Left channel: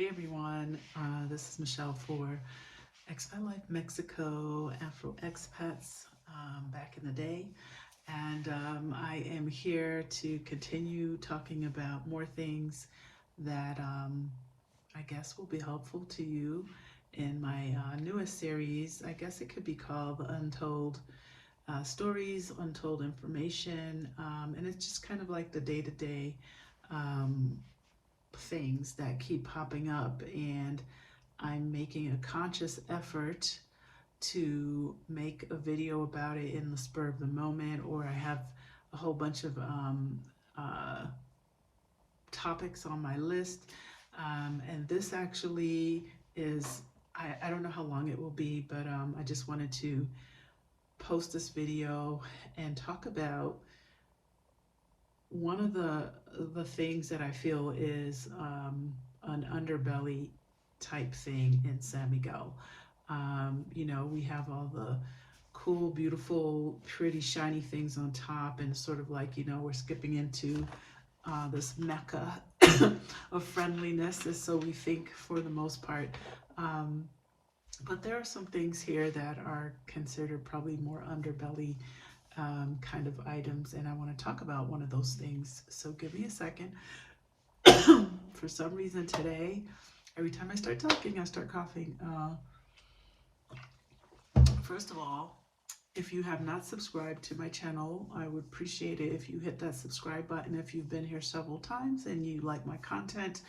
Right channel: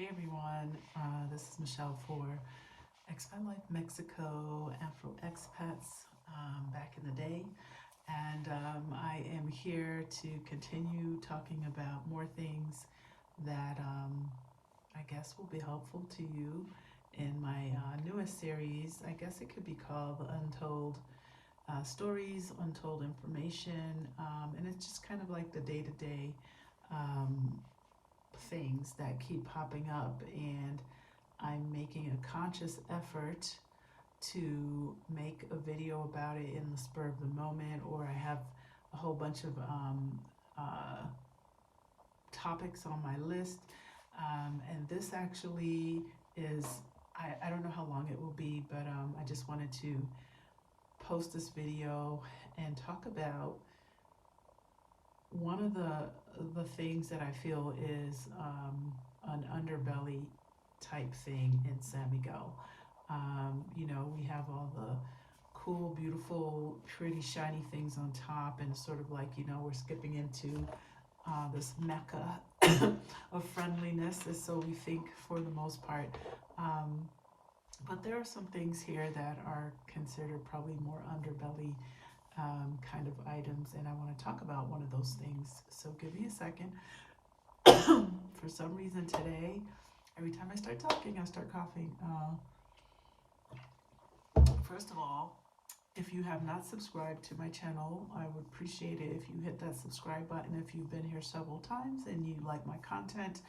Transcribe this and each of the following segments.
Hey everyone, this is Michelle for Expat Life Mexico, Afro Expats back in the day. And I am here to continue talking about more things that I guess will be helpful to you in my newest series. I guess it could be called the Untold Stories, Untold Information. And it's just kind of like the day-to-day things that keep popping up, and I'm making a conscious effort to make a video about it in the spur of the moment, or I have a whole bunch of uh, topics on my list. And this actually is, I don't know how long it will be, but I just wanted to post this video and talk about one of the things that I feel is an underbelly type thing in San Miguel. You know, we have all the cool, beautiful, pretty, shiny things on top, and sort of like, you know, we're skipping into this mecca of friendliness, is so we think for the most part. Um, but there are some things here that are considered probably more underbelly kind of items, and I want to talk about one of those things. So give me a second. For some reason today, every time I start talking, I start coughing. First of all, if you have not subscribed to my channel, I would appreciate it if you hit that subscribe button. If you've been here several times and you like my content,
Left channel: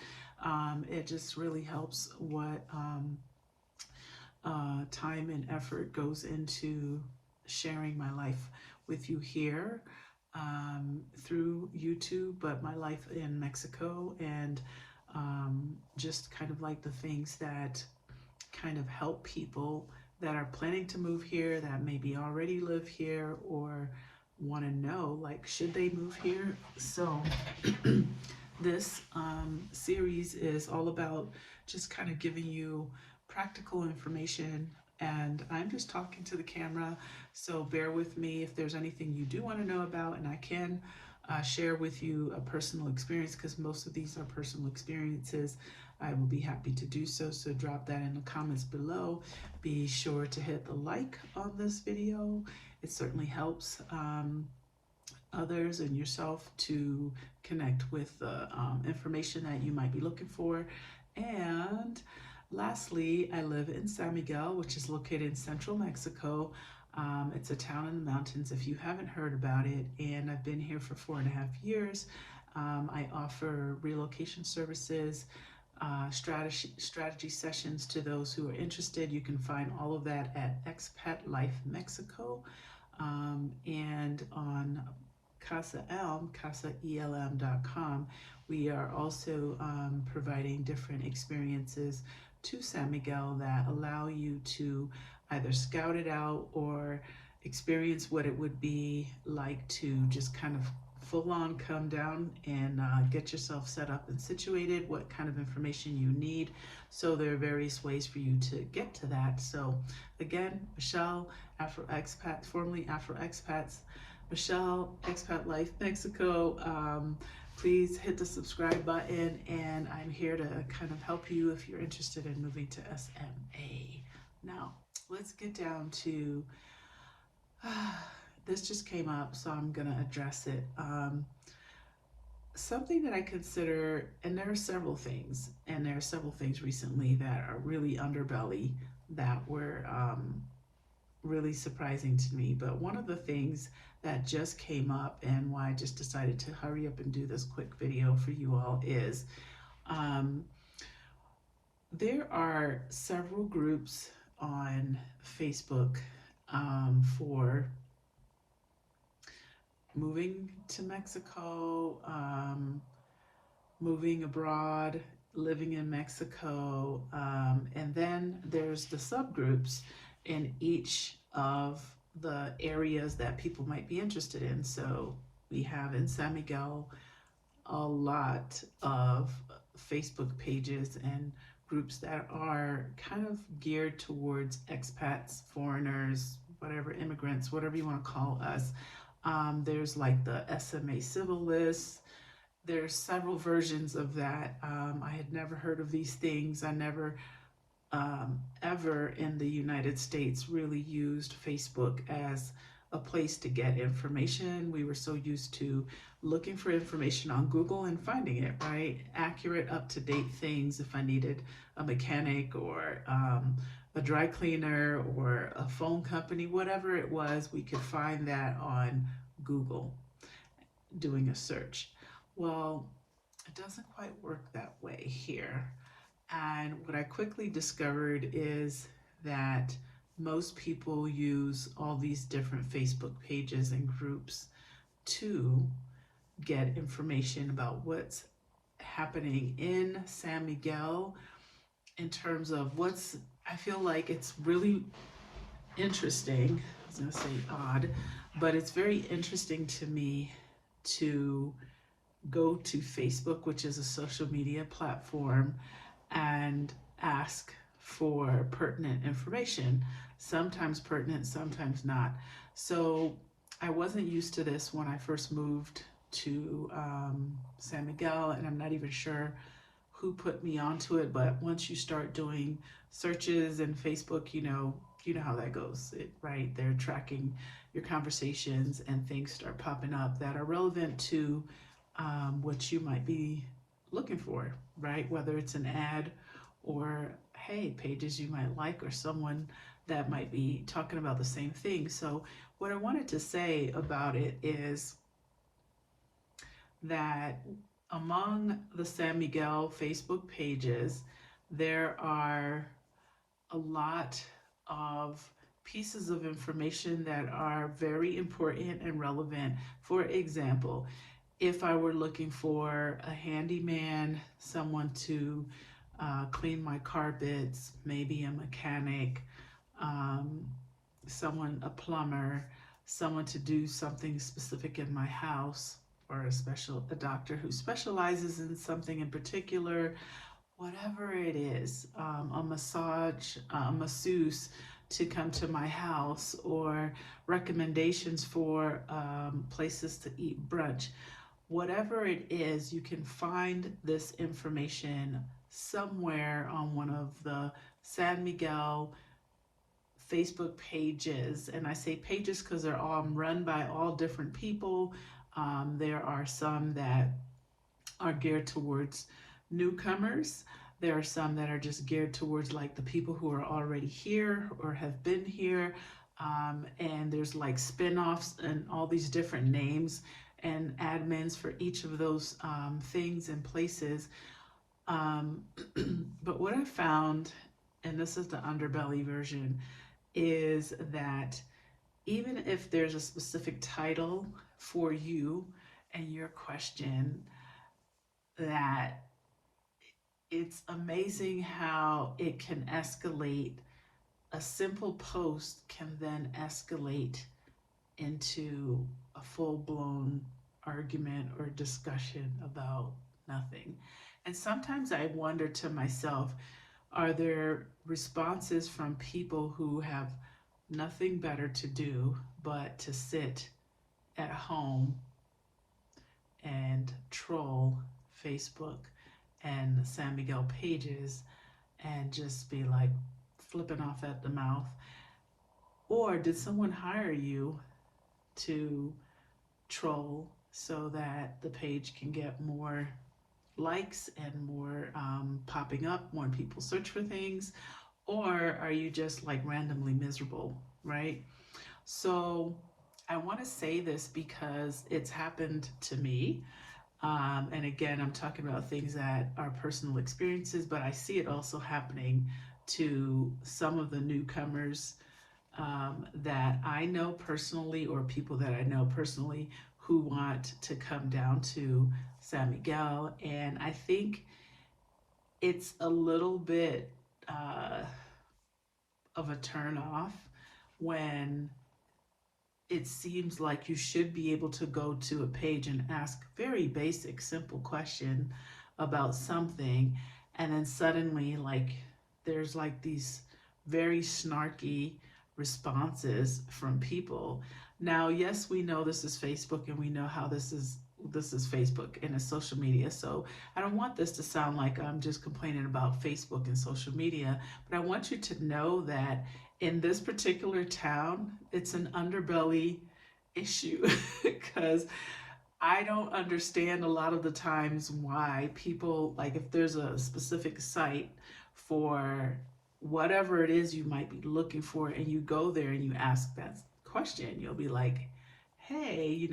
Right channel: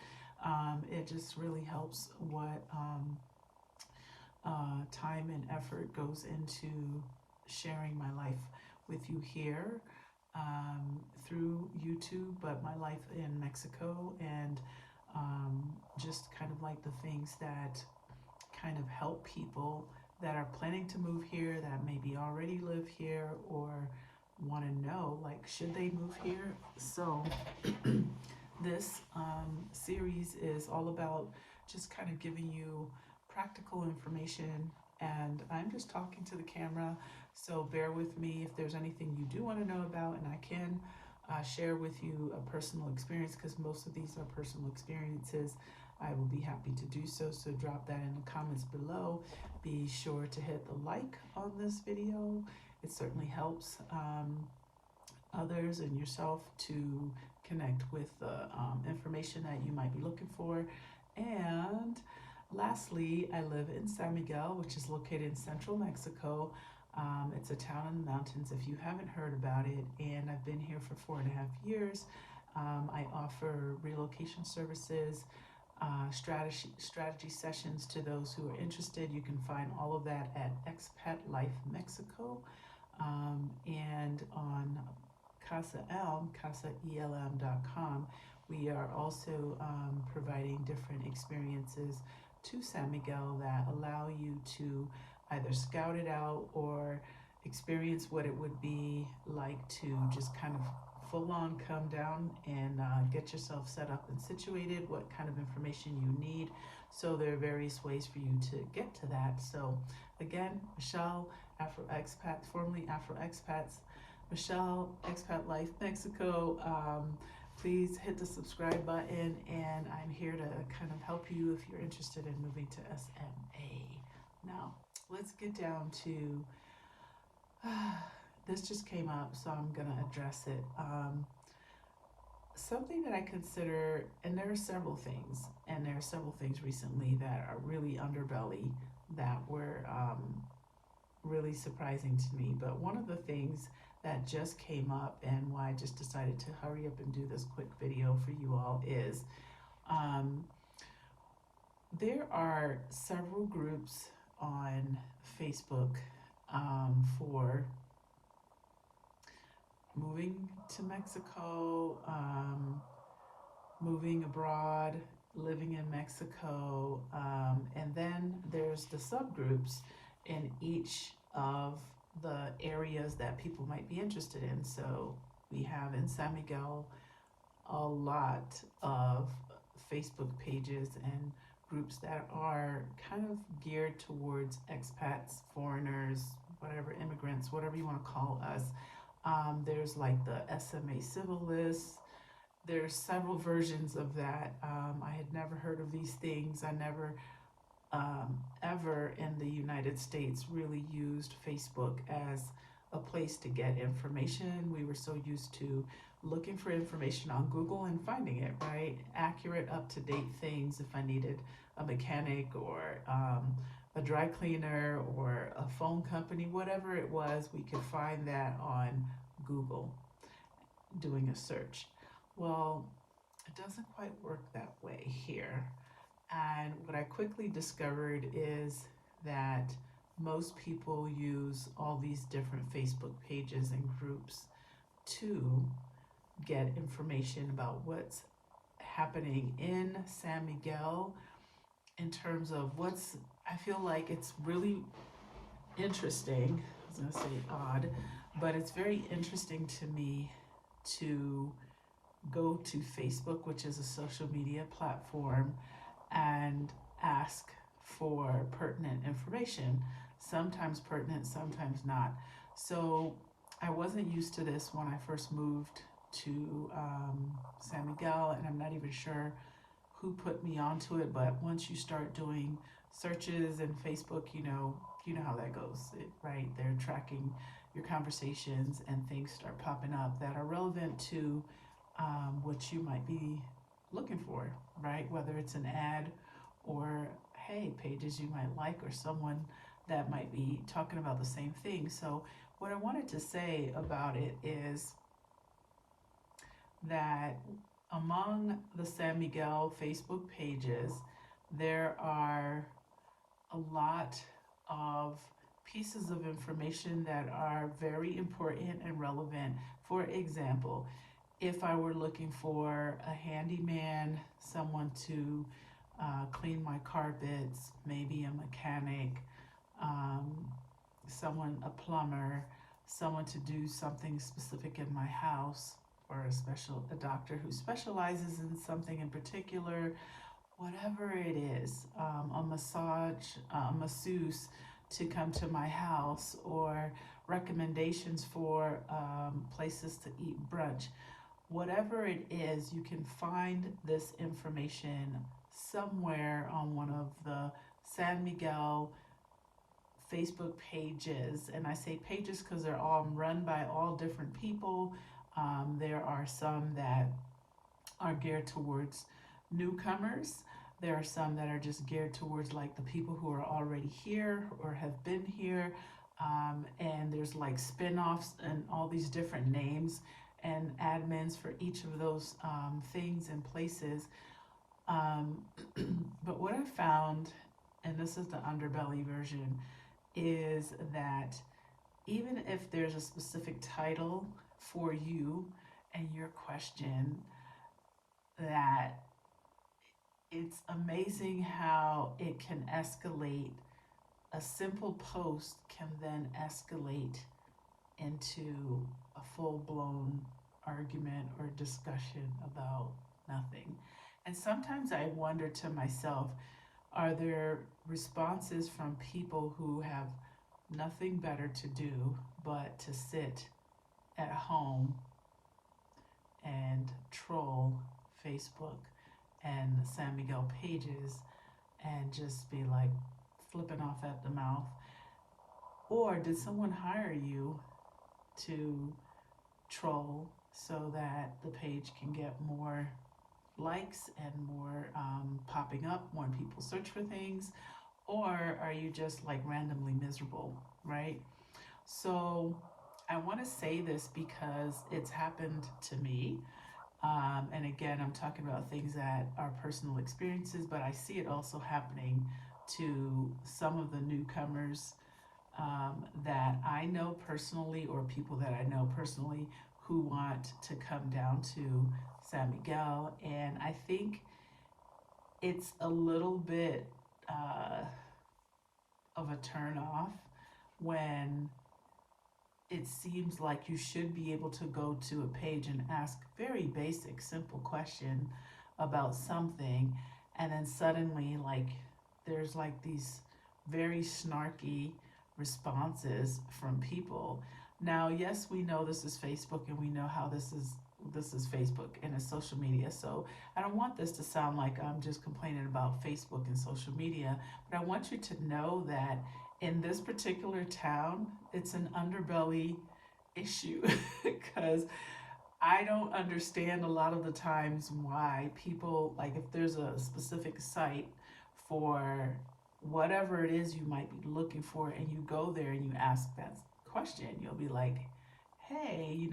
it just really helps what time and effort goes into sharing my life with you here through YouTube, but my life in Mexico, and just kind of like the things that kind of help people that are planning to move here, that maybe already live here, or want to know, like, should they move here? So this series is all about just kind of giving you practical information, and I'm just talking to the camera, so bear with me if there's anything you do want to know about, and I can share with you a personal experience, because most of these are personal experiences. I will be happy to do so, so drop that in the comments below. Be sure to hit the like on this video. It certainly helps others and yourself to connect with the information that you might be looking for. And lastly, I live in San Miguel, which is located in central Mexico. It's a town in the mountains if you haven't heard about it, and I've been here for 4.5 years. I offer relocation services, strategy sessions to those who are interested. You can find all of that at Expat Life Mexico, and on Casa ELM, casaelm.com. We are also providing different experiences to San Miguel that allow you to either scout it out or experience what it would be like to just kind of full on come down and get yourself set up and situated, what kind of information you need. So there are various ways for you to get to that. So again, Michelle, Afro Expat, formerly Afro Expats, Michelle, Expat Life Mexico. Please hit the subscribe button, and I'm here to kind of help you if you're interested in moving to SMA. Now, let's get down to this just came up, so I'm gonna address it. Something that I consider, and there are several things, recently that are really underbelly that were really surprising to me. But one of the things that just came up, and why I just decided to hurry up and do this quick video for you all, is there are several groups on Facebook for moving to Mexico, moving abroad, living in Mexico, and then there's the subgroups in each of the areas that people might be interested in. So we have in San Miguel a lot of Facebook pages and groups that are kind of geared towards expats, foreigners, whatever, immigrants, whatever you want to call us. There's like the SMA civil list, there's several versions of that. I had never heard of these things. I never ever in the United States really used Facebook as a place to get information. We were so used to looking for information on Google and finding it, right? Accurate, up to date things. If I needed a mechanic or a dry cleaner or a phone company, whatever it was, we could find that on Google doing a search. Well, it doesn't quite work that way here. And what I quickly discovered is that most people use all these different Facebook pages and groups to get information about what's happening in San Miguel in terms of what's, I feel like it's really interesting. I was going to say odd, but it's very interesting to me to go to Facebook, which is a social media platform, and ask for pertinent information. Sometimes pertinent, sometimes not. So I wasn't used to this when I first moved to San Miguel, and I'm not even sure who put me onto it. But once you start doing searches in Facebook, you know how that goes, right? They're tracking your conversations, and things start popping up that are relevant to what you might be looking for, right? Whether it's an ad or, hey, pages you might like, or someone that might be talking about the same thing. So what I wanted to say about it is that among the San Miguel Facebook pages, there are a lot of pieces of information that are very important and relevant. For example, if I were looking for a handyman, someone to clean my carpets, maybe a mechanic, um, a plumber, someone to do something specific in my house, or a doctor who specializes in something in particular, whatever it is, a masseuse to come to my house, or recommendations for places to eat brunch. Whatever it is, you can find this information somewhere on one of the San Miguel Facebook pages. And I say pages because they're all run by all different people. There are some that are geared towards newcomers. There are some that are just geared towards like the people who are already here or have been here. And there's like spin-offs and all these different names and admins for each of those things and places. But what I found, and this is the Underbelly version, is that even if there's a specific title for you and your question, that it's amazing how it can escalate. A simple post can then escalate into a full-blown argument or discussion about nothing. And sometimes I wonder to myself, are there responses from people who have nothing better to do but to sit at home and troll Facebook and the San Miguel pages and just be like flipping off at the mouth? Or did someone hire you to troll so that the page can get more likes and more popping up when people search for things? Or are you just like randomly miserable, right? So I want to say this because it's happened to me. And again, I'm talking about things that are personal experiences, but I see it also happening to some of the newcomers that I know personally, or people that I know personally who want to come down to San Miguel. And I think it's a little bit of a turn off when it seems like you should be able to go to a page and ask very basic, simple question about something, and then suddenly like there's like these very snarky responses from people. Now, yes, we know this is Facebook and we know how this is this is Facebook and it's social media. So I don't want this to sound like I'm just complaining about Facebook and social media, but I want you to know that in this particular town, it's an underbelly issue because I don't understand a lot of the times why people, like if there's a specific site for whatever it is you might be looking for, and you go there and you ask that question, you'll be like, hey,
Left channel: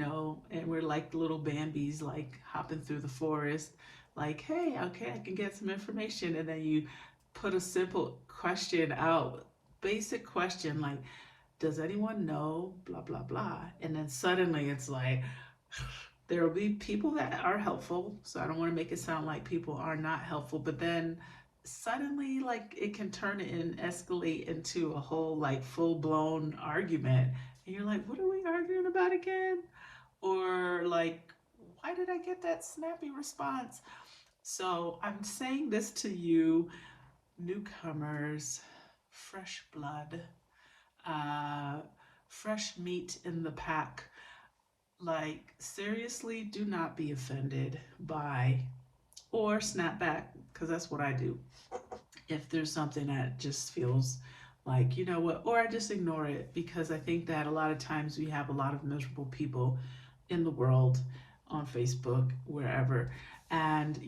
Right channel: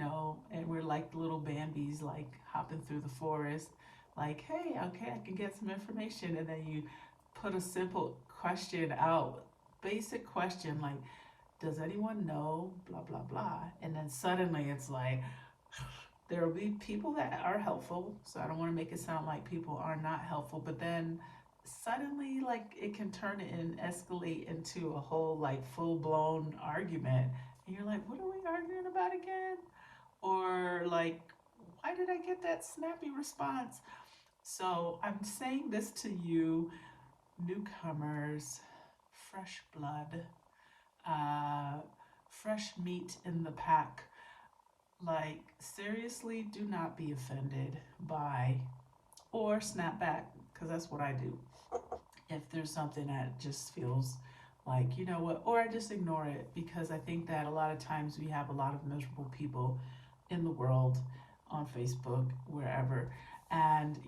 and we're like little Bambis, like hopping through the forest, like, hey, okay, I can get some information. And then you put a simple question out, basic question, like, does anyone know blah, blah, blah? And then suddenly it's like, there will be people that are helpful. So I don't want to make it sound like people are not helpful, but then suddenly like it can turn and escalate into a whole like full-blown argument. And you're like, what are we arguing about again? Or like, why did I get that snappy response? So I'm saying this to you, newcomers, fresh blood, fresh meat in the pack. Like, seriously, do not be offended by or snap back, because that's what I do. If there's something that just feels like, you know what, or I just ignore it, because I think that a lot of times we have a lot of miserable people in the world, on Facebook, wherever. And,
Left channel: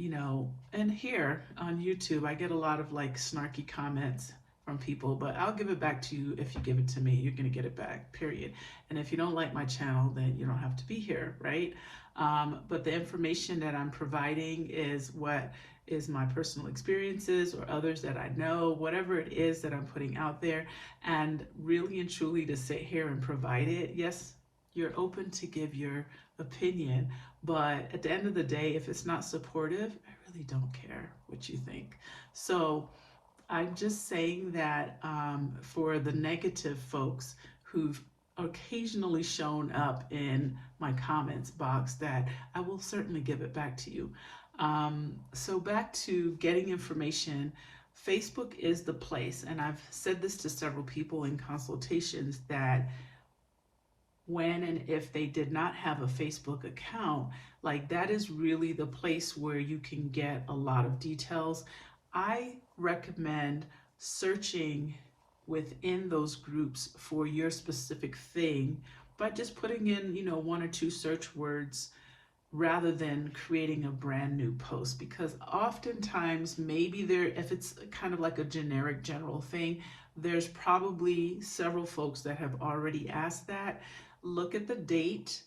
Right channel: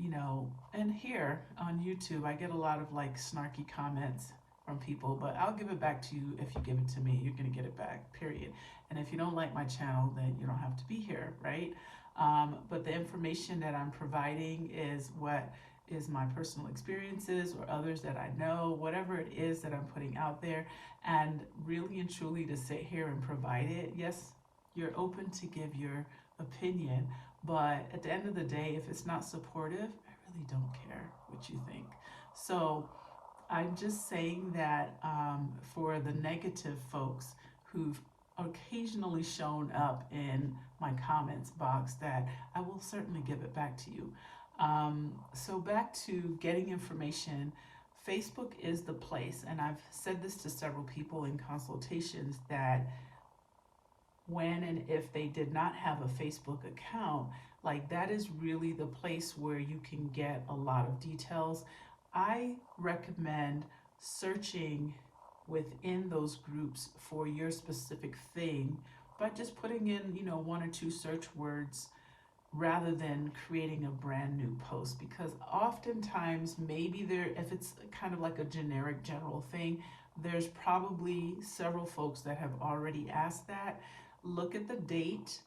and here on YouTube, I get a lot of like snarky comments from people, but I'll give it back to you. If you give it to me, you're going to get it back, period. And if you don't like my channel, then you don't have to be here, right? But the information that I'm providing is what is my personal experiences or others that I know, whatever it is that I'm putting out there. And really and truly to sit here and provide it, yes, you're open to give your opinion, but at the end of the day, if it's not supportive, I really don't care what you think. So I'm just saying that for the negative folks who've occasionally shown up in my comments box, that I will certainly give it back to you. So back to getting information, Facebook is the place, and I've said this to several people in consultations, that when and if they did not have a Facebook account, like that is really the place where you can get a lot of details. I recommend searching within those groups for your specific thing by just putting in, one or two search words rather than creating a brand new post, because oftentimes maybe if it's kind of like a generic general thing, there's probably several folks that have already asked that. Look at the date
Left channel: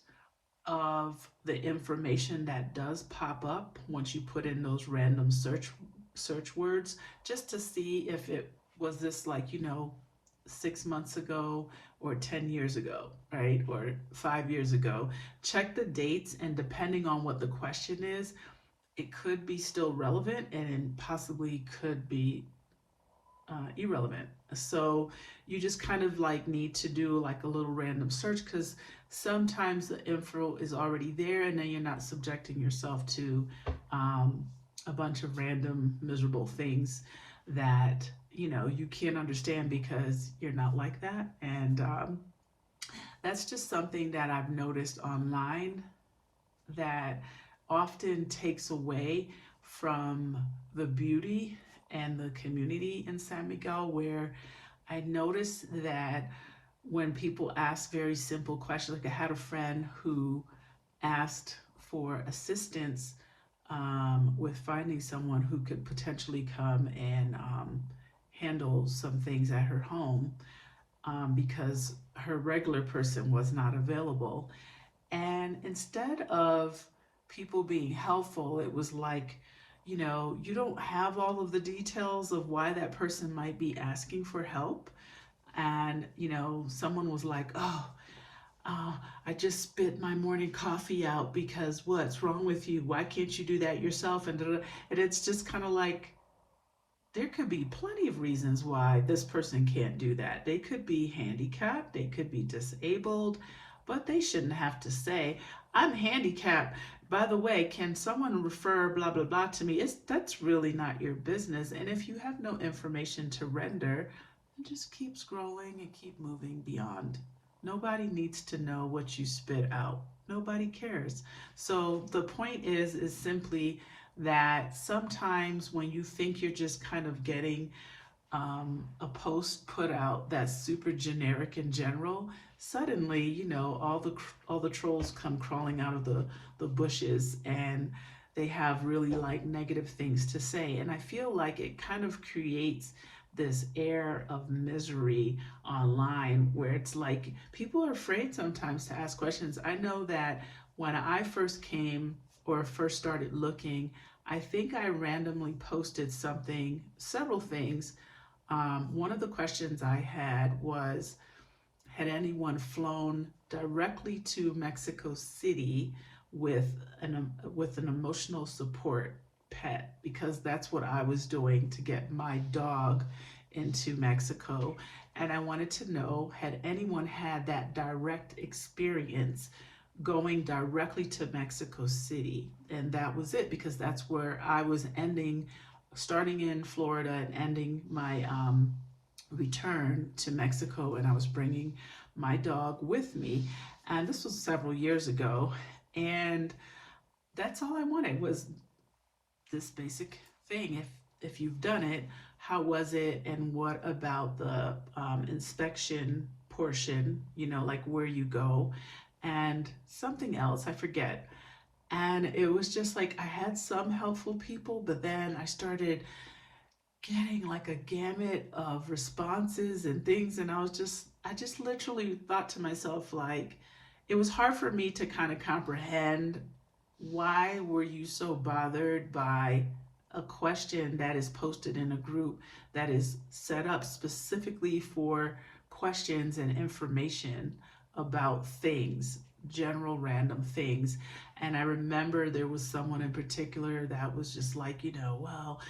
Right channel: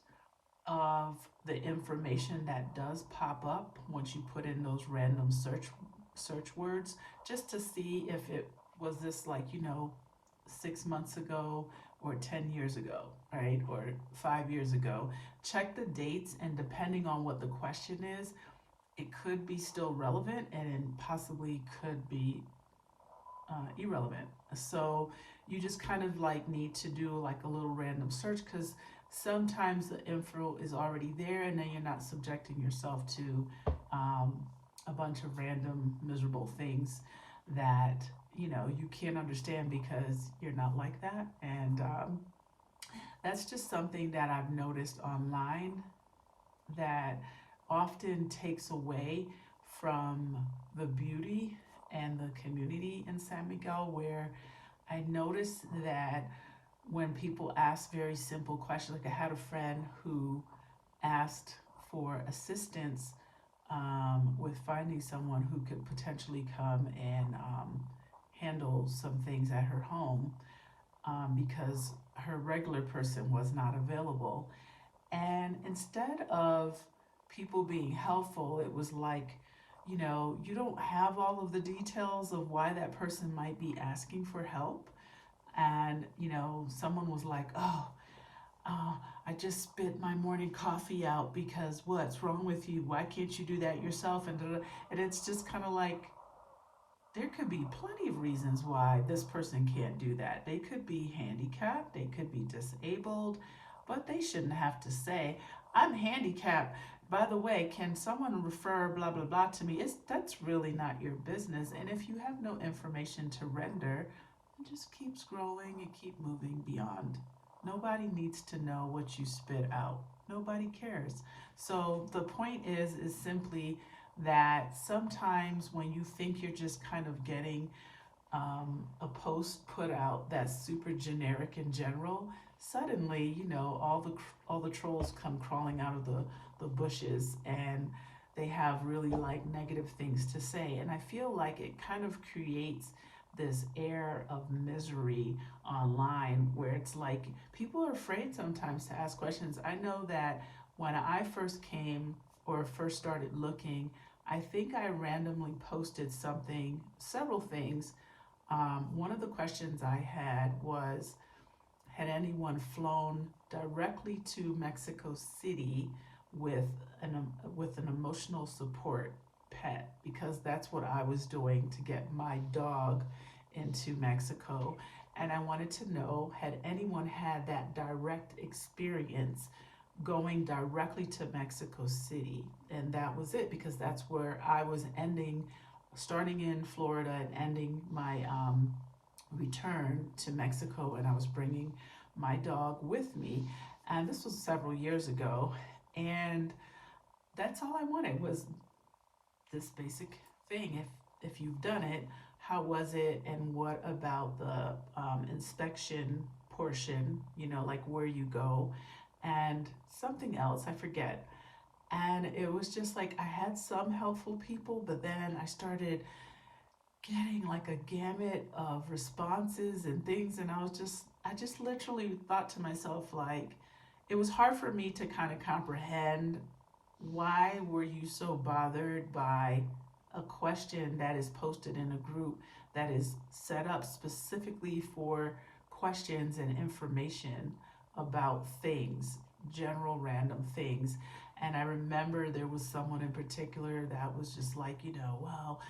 of the information that does pop up once you put in those random search words, just to see if it was this like 6 months ago or 10 years ago, right? Or 5 years ago. Check the dates, and depending on what the question is, it could be still relevant and possibly could be irrelevant. So you just kind of like need to do like a little random search, because sometimes the info is already there, and then you're not subjecting yourself to a bunch of random miserable things that you can't understand because you're not like that. And that's just something that I've noticed online that often takes away from the beauty and the community in San Miguel, where I noticed that when people ask very simple questions, like I had a friend who asked for assistance with finding someone who could potentially come and handle some things at her home because her regular person was not available. And instead of people being helpful, it was like, you don't have all of the details of why that person might be asking for help. And, someone was like, I just spit my morning coffee out because what's wrong with you? Why can't you do that yourself? And it's just kind of like, there could be plenty of reasons why this person can't do that. They could be handicapped, they could be disabled, but they shouldn't have to say, I'm handicapped. By the way, can someone refer blah, blah, blah to me? That's really not your business. And if you have no information to render, just keep scrolling and keep moving beyond Nobody needs to know what you spit out. Nobody cares. So the point is simply that sometimes when you think you're just kind of getting a post put out that's super generic and general, suddenly, you know, all the trolls come crawling out of the bushes, and they have really like negative things to say. And I feel like it kind of creates this air of misery online where it's like people are afraid sometimes to ask questions. I know that when I first came or first started looking, I think I randomly posted something, several things. One of the questions I had was, had anyone flown directly to Mexico City with an emotional support pet? Because that's what I was doing to get my dog into Mexico. And I wanted to know, had anyone had that direct experience going directly to Mexico City? And that was it, because that's where I was ending, starting in Florida and ending my return to Mexico, and I was bringing my dog with me. And this was several years ago, and that's all I wanted was this basic thing. If you've done it, how was it, and what about the inspection portion? You know, like where you go, and something else I forget. And it was just like I had some helpful people, but then I started getting like a gamut of responses and things, and I just literally thought to myself, like, it was hard for me to kind of comprehend, why were you so bothered by a question that is posted in a group that is set up specifically for questions and information about things, general random things. And I remember there was someone in particular that was just like, you know, well,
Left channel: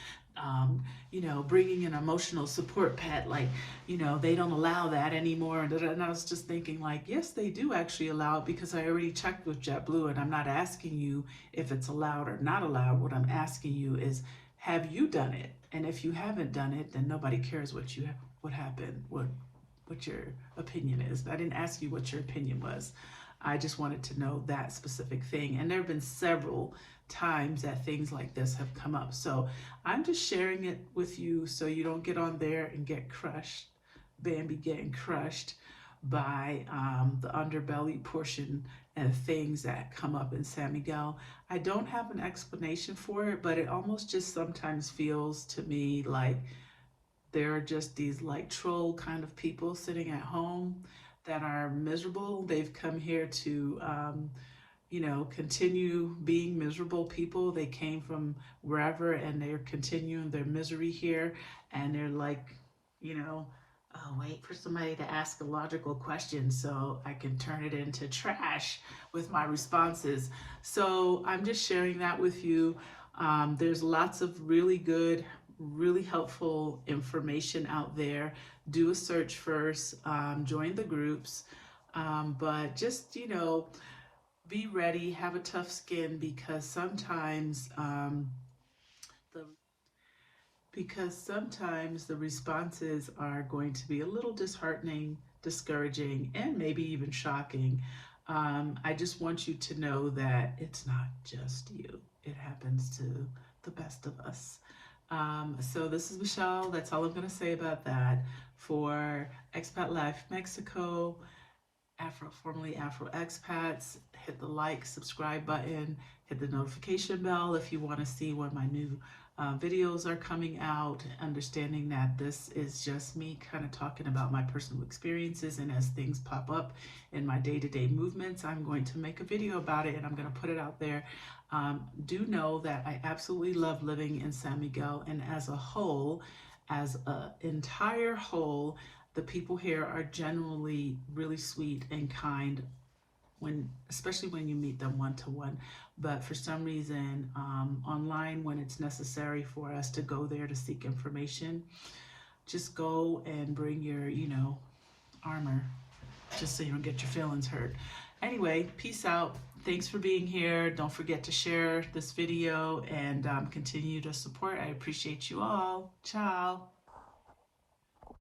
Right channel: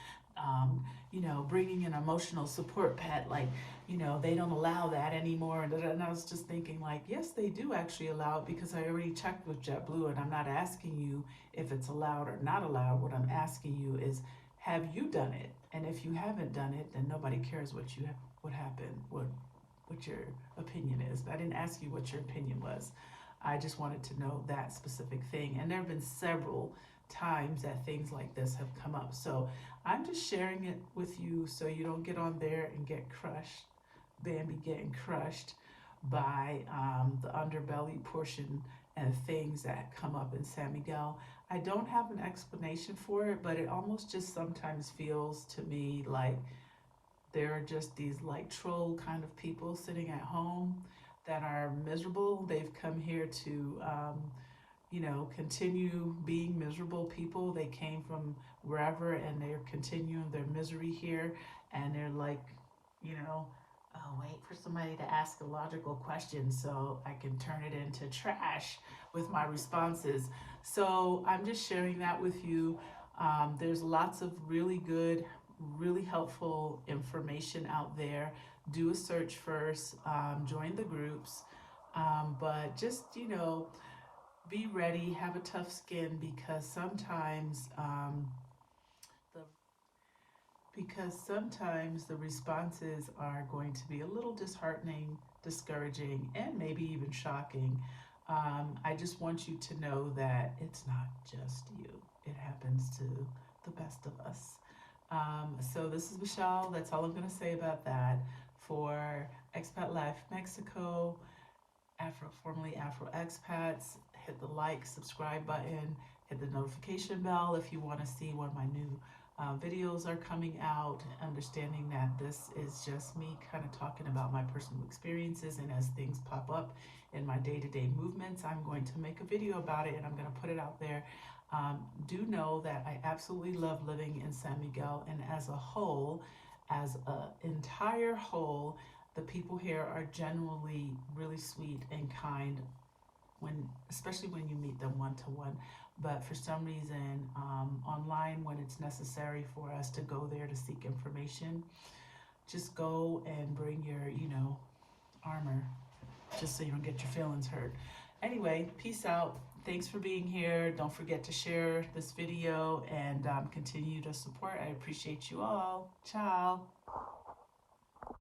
you know, bringing an emotional support pet, like, you know, they don't allow that anymore. And I was just thinking, like, yes, they do actually allow it, because I already checked with JetBlue, and I'm not asking you if it's allowed or not allowed. What I'm asking you is, have you done it? And if you haven't done it, then nobody cares what happened, what your opinion is. I didn't ask you what your opinion was. I just wanted to know that specific thing. And there have been several times that things like this have come up. So I'm just sharing it with you so you don't get on there and get crushed, Bambi getting crushed by the underbelly portion and things that come up in San Miguel. I don't have an explanation for it, but it almost just sometimes feels to me like there are just these like troll kind of people sitting at home that are miserable. They've come here to you know, continue being miserable people. They came from wherever, and they're continuing their misery here. And they're like, you know, oh, wait for somebody to ask a logical question so I can turn it into trash with my responses. So I'm just sharing that with you. There's lots of really good, really helpful information out there. Do a search first, join the groups, but just, you know, be ready, have a tough skin, because sometimes the the responses are going to be a little disheartening, discouraging, and maybe even shocking. I just want you to know that it's not just you. It happens to the best of us. So this is Michelle. That's all I'm going to say about that. For Expat Life Mexico, formerly Afro Expats, hit the like, subscribe button, hit the notification bell if you want to see when my new videos are coming out, understanding that this is just me kind of talking about my personal experiences, and as things pop up in my day-to-day movements, I'm going to make a video about it and I'm going to put it out there. Do know that I absolutely love living in San Miguel, and as a whole, as an entire whole, the people here are generally really sweet and kind, especially when you meet them one-to-one. But for some reason, online, when it's necessary for us to go there to seek information, just go and bring your, you know, armor, just so you don't get your feelings hurt. Anyway, peace out. Thanks for being here. Don't forget to share this video and continue to support. I appreciate you all. Ciao.